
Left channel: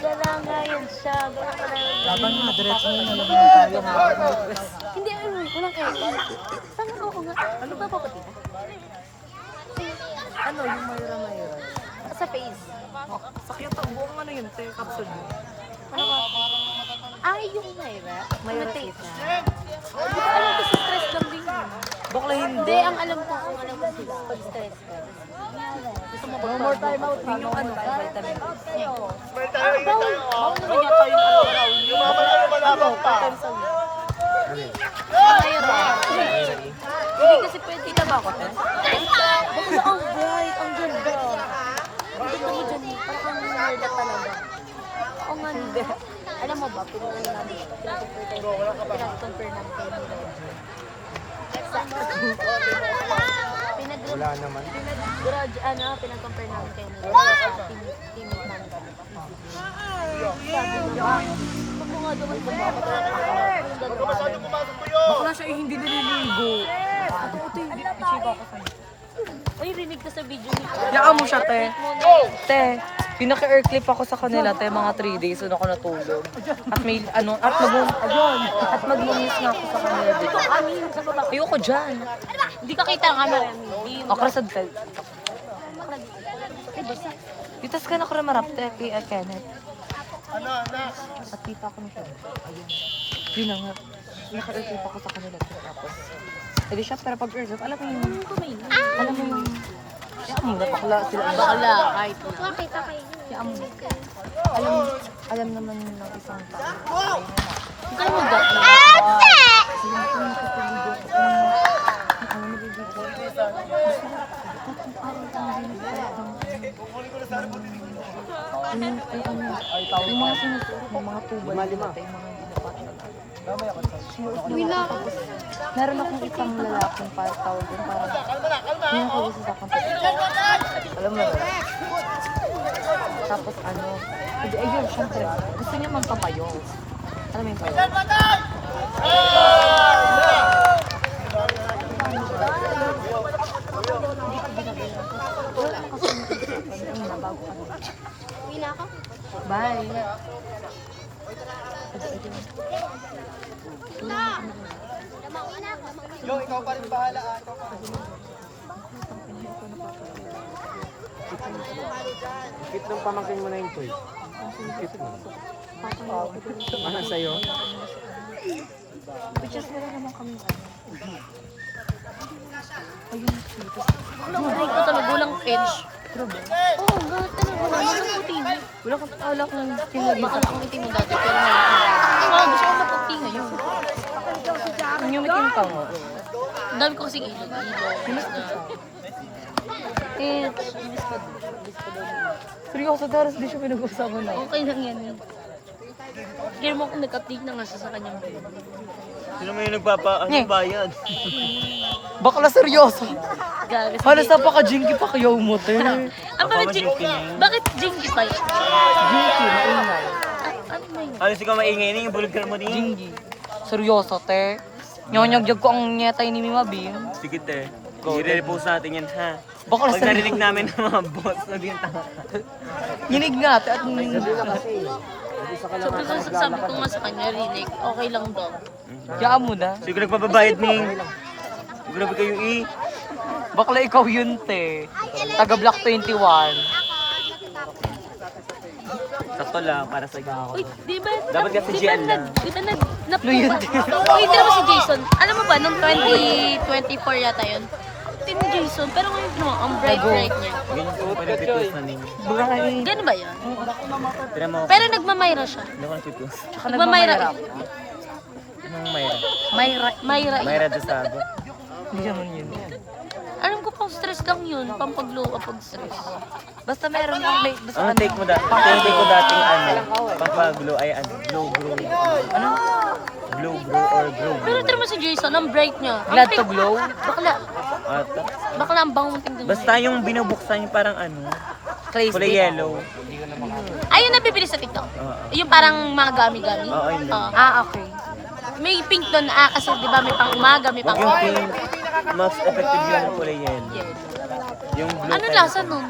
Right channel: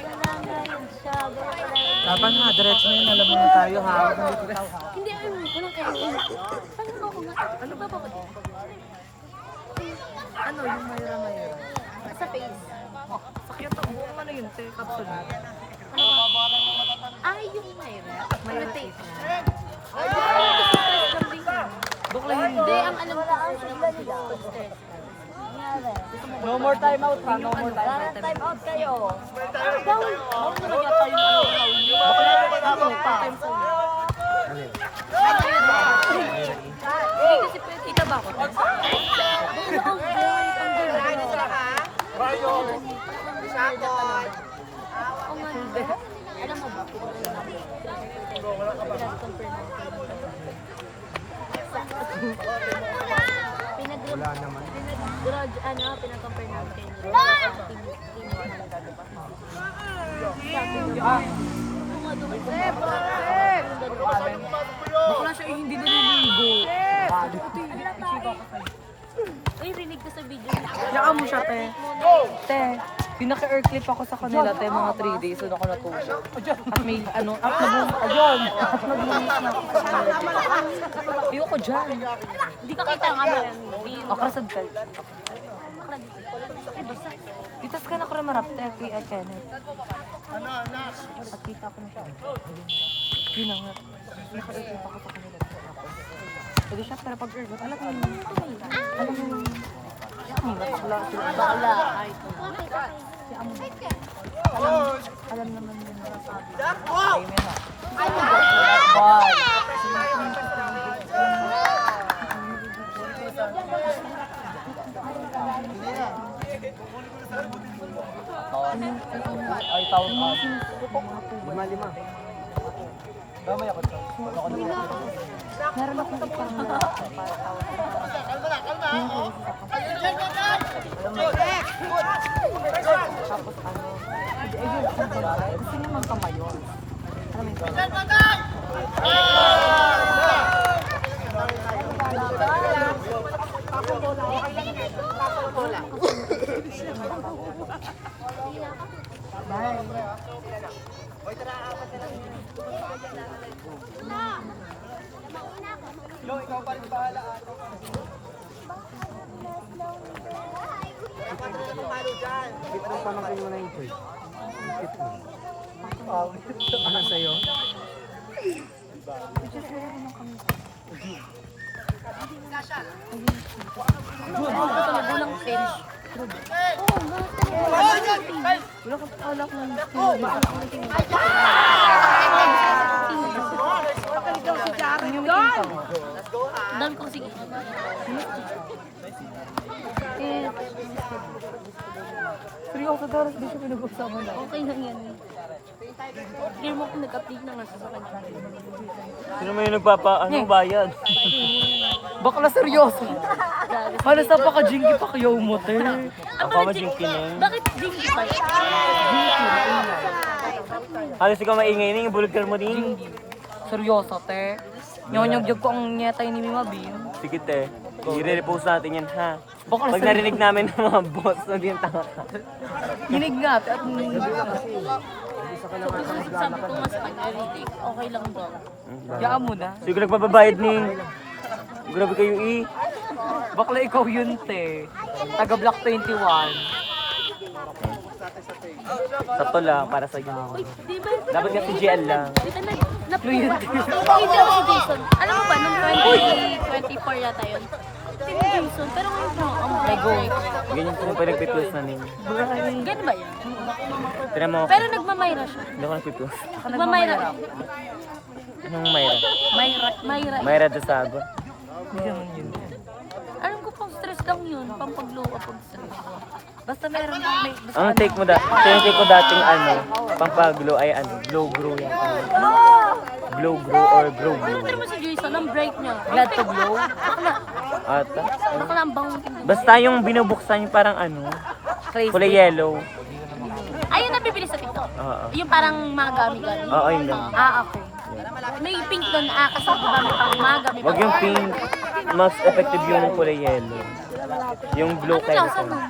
Gala nga yun siya. Dapat mga diretso na yung nalagyan na tayo. Hindi, walang air. Saan ako ko nga? Ano ba papati mo? Ano, yung mayura-mayura. Sa face. Sakya to, buong ano yun, yung capsule mo. Ano ba? Ay, yung Myra. Mayra Imitate. kita. Ano gusto Hindi, ang alam ko kung ano ba sila. Pag stress ka. Gusto mo ba more time out din yung ano? Bawal. Bawal naman yata yung ano raw. Ano? 2 times a week. Hindi kasi pwede. Kita ba ako? Bakit ang bright, ang ganda. Gusto mo dyan, parang kang nerd talaga. Oo nga, hindi. Alam mo ba, pinag-compare namin pinag-compare namin kayo nila sa teammate namin. Sabi niya, huwag mo nga doon ito ba? Bakla siya eh, hindi naliligo. Ay, rinig ko sa video niya. Yaan mo siya, te. Te, pinaka-air clip ako sa kanila, te, mga 3 days doon ako natulog. At may, ano, at mag-inis na ako sa kanila. Ayoko dyan. Hindi ka kita nga na. Ako sa bed. Pitas ka na ko rin marap, te, kay Kenneth. At kita ko nito. Yun na nga. Pinaka-air clip ako sa kanila. Tapos, edi siya, pero pag air clip, alam mo yung, bakla sila. Bakla, kahit. Alam naman yung isang Ano ba? yung mga sinusuot, yung mga tubal. Meron akong isang lalaking para tawag yung parang yun ako gusto sa akin. Alam mo ba? Tapos ano, ayun, syempre, gusto niya mang kamayon. Alam mo yung pala? Bye. Kit mo pamangkin mo na yung toy. Kit mo. Ano sa'yo? Ay, ito nagulang pinch. Wala ko lang tinulog. Yung meeting ka mo. Dami ko sige. Seryoso, Taras, di siya pinag-usapan na. Okay lang yan. Kaya mo ako nag-update na nga siya sa kanyang Sino may bayad? Bakla seryoso. gagas. Halos napaka-jinky pa kayo mo, te. Ako masinkin yun. Bakit jinky pa yun? Jinky, maingay. Halos ikaw maingay na yung bulgar mo din. Jinky. Seryoso, te. Nyonyag ko ang nyetay ni Mima Bean. Sige te, i-repost natin yan ha. Bakla Pag narinig namin ng mga boss na din tanga. Yinig nga, te. At Sabi ko nga sa kanya, Rinek, okay lang daw. yaan mo na. Sige nagpapabayad ning. Grabe kayo Bakla ikaw yun, te. Taga Block 21. Sakto lang para sa inyo. Uy, di ba? Dapat kasi GL lang. Di ba hindi ako si Jason. Alam mo ba, nung 2024 yata yun. Team Jason, pero ngayon mo, ang bright niya. Ganyan kung pa nag-request na ning. Gano'n ba yun? Tira mo ako. Pero nagmamayra siya. Doon ka nag-request. Nagmamayra. Anong Mayra? Mayra. Mayra Dusago. Hindi naman yun. Alam ko pang stress lang yun, pampaglow kapag stress. Basta meron may... Basta Ang take mo yung take ko dating pampaglow ay glow grow. Ano? Glow grow or grow Pero grow. tira mo si Jason, ang bright niya. Glad to glow? Bakla. Ata. Bakla ang bangong tingnan. Basta yung binubuksan yung parang Crazy. kulay yellow. Ayun nabibili sa TikTok. Oo. Yung parang mga gami-gami. Oo, yun lang. Okay. May pink doon, kasi di ba may pang umaga, may Wag pang... yung pink. Mas effective yung kulay yellow. Yung blue Ano lasa nun?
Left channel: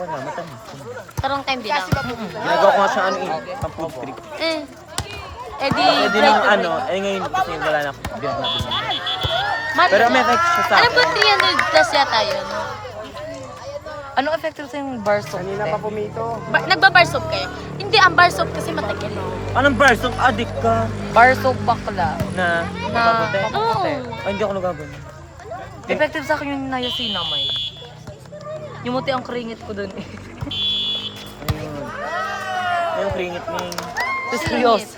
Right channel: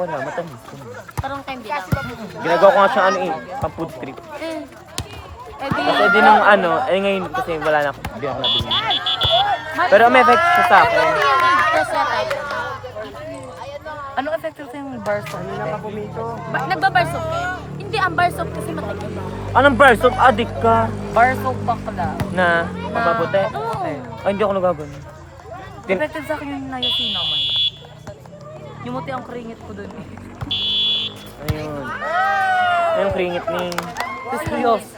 Wala, matamis. Tarong time din lang. Ginagawa ko nga siyang pang food trip. Di... Pwede nung ngayon kasi wala na ako. Hindi ako nabili. Pero may effect siya sa Alam akin. ko 300 plus yata yun. Anong effective sa yung bar soap? Nagba-bar soap kayo? Hindi, ang bar soap kasi matigil. Anong bar soap? Addict ka. Bar soap bakla. Na, nababote. Oo. Ay, hindi ako nagagano. Effective sa akin yung niacinamide. Yung muti ang kringit ko dun eh. Yung kringit ning. Seryoso.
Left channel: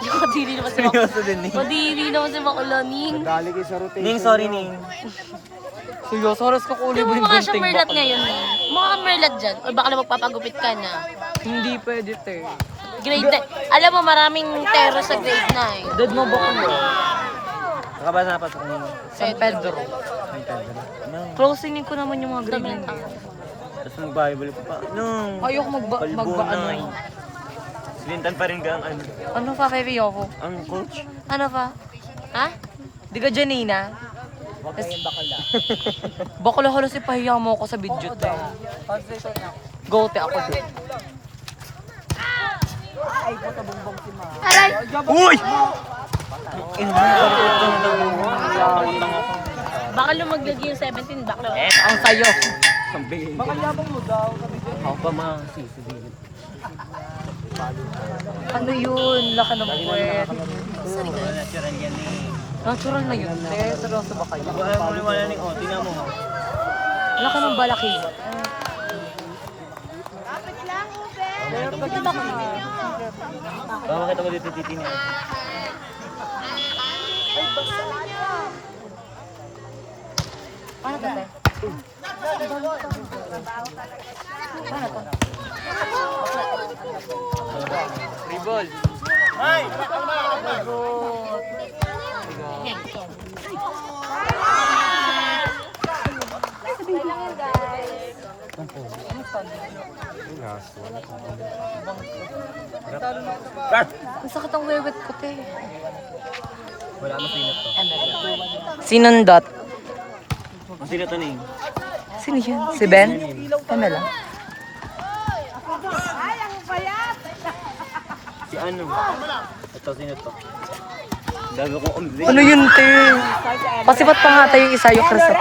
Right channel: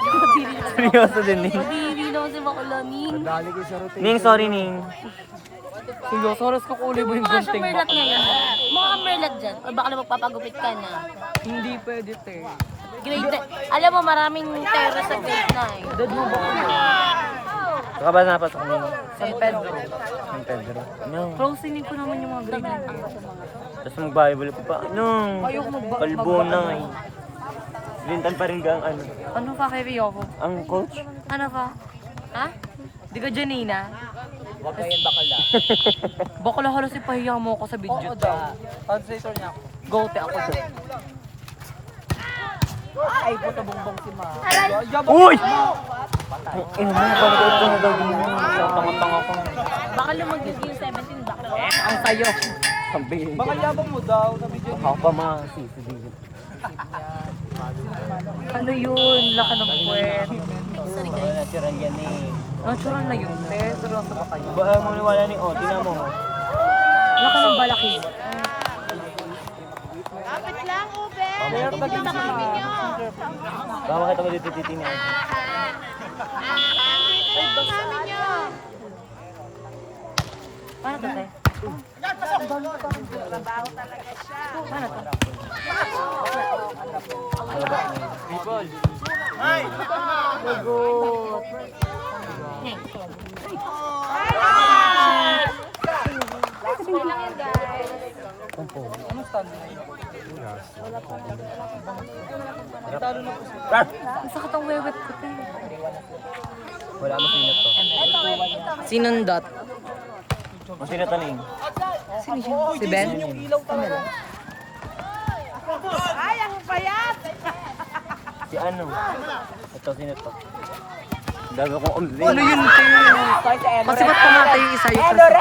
Madili naman si Seryoso din ning. Madili naman si Makulaning. Dali kayo sa rotation. Ning, sorry ning. Seryoso, halos ka kuuli mo yung Mga gunting merlat bakla. ngayon. Mga merlat dyan. O baka na magpapagupit ka na. Hindi pwede, te. Grade 9. Alam mo, maraming tero sa grade 9. Dead mo ba ko? Saka ba napasok ning? San Pedro. Ano? Closing ko naman yung mga grade. Tapos mag-Bible ko pa. Ano? Ayoko Kalbo na. Silintan pa rin gang ano. Ano pa kay Ryoko? Ang coach? Ano pa? Ha? Di ka Janina? Bakla halos ipahiya mo ako sa video to. Go te ako doon. Uy! Ino mo, parang ito na daw. Tangot-tango ako. Baka lumaglag yung 17. Baka Ang sayo. Sabi ko. Ako pa masisisigil. Ano yun? Laka ng puwet. Wala natural yan eh. Natural na yun, te. Seryoso ba kayo? Diba ayaw mo niwala ni O? Tingnan mo. Laka ng balaki. Baka makita mo dito titingnan. Paano to, te? Paano to? Ribol. Lagot. Ang sakit ang wewet ko, te. Wala masinat to. Sinundot. Masinat to ning. Sino yun? Si Ben? Pamela? Si ano? Ito, sino to? Dago kong ugli. Ano yun, te? Pasipat pa nga tayo yung isa yung Cristo.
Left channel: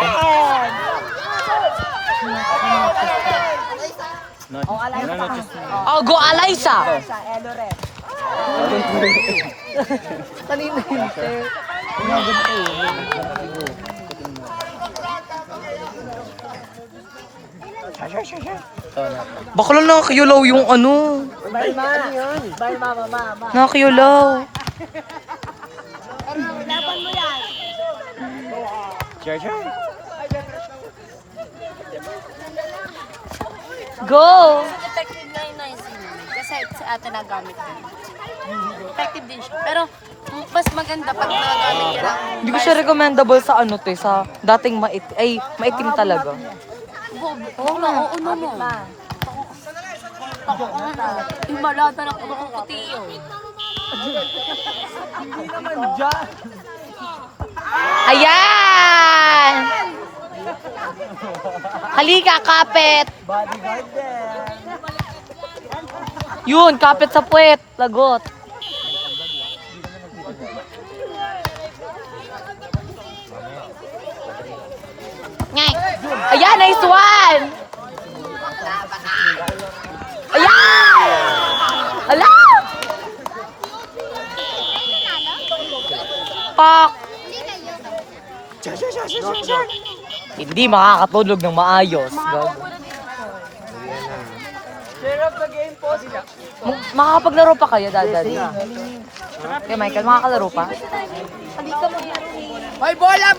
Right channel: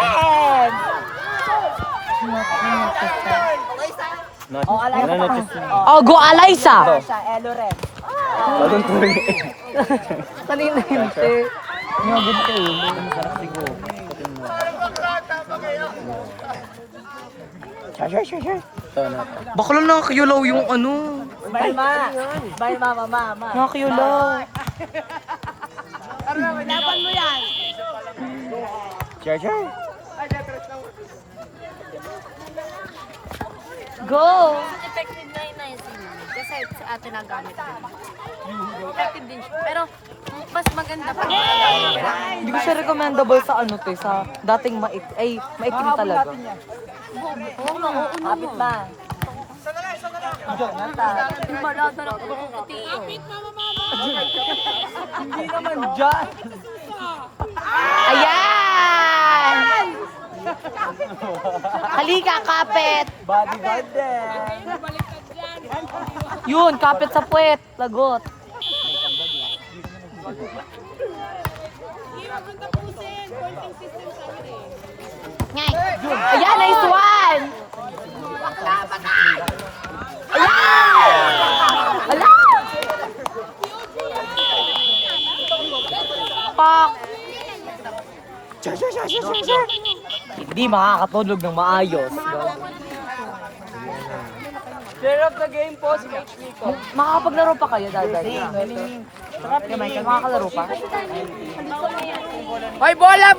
Wala na chis. Oh, go Alaysa! Baka lang nakakiyulaw yung ano. Nakakiyulaw. Share. Go! effective na yung niacinamide. Kasi sa atin nagamit ko. Effective din siya. Pero mas maganda pag nagamit ko lang. Hindi ko siya recommendable sa ano to, sa dating maitim talaga. Oo na, oo na mo. Imalada na ako ng katiyo. Ayan! Halika, kapit! Yun, kapit sa puwet. Lagot. Ayan, nice one! Ayan! Ala! Pak! Hindi makakatulog ng maayos. Makakapaglaro pa kayo, Daddy? Okay, Michael, makakalaro pa? Hoy, bola!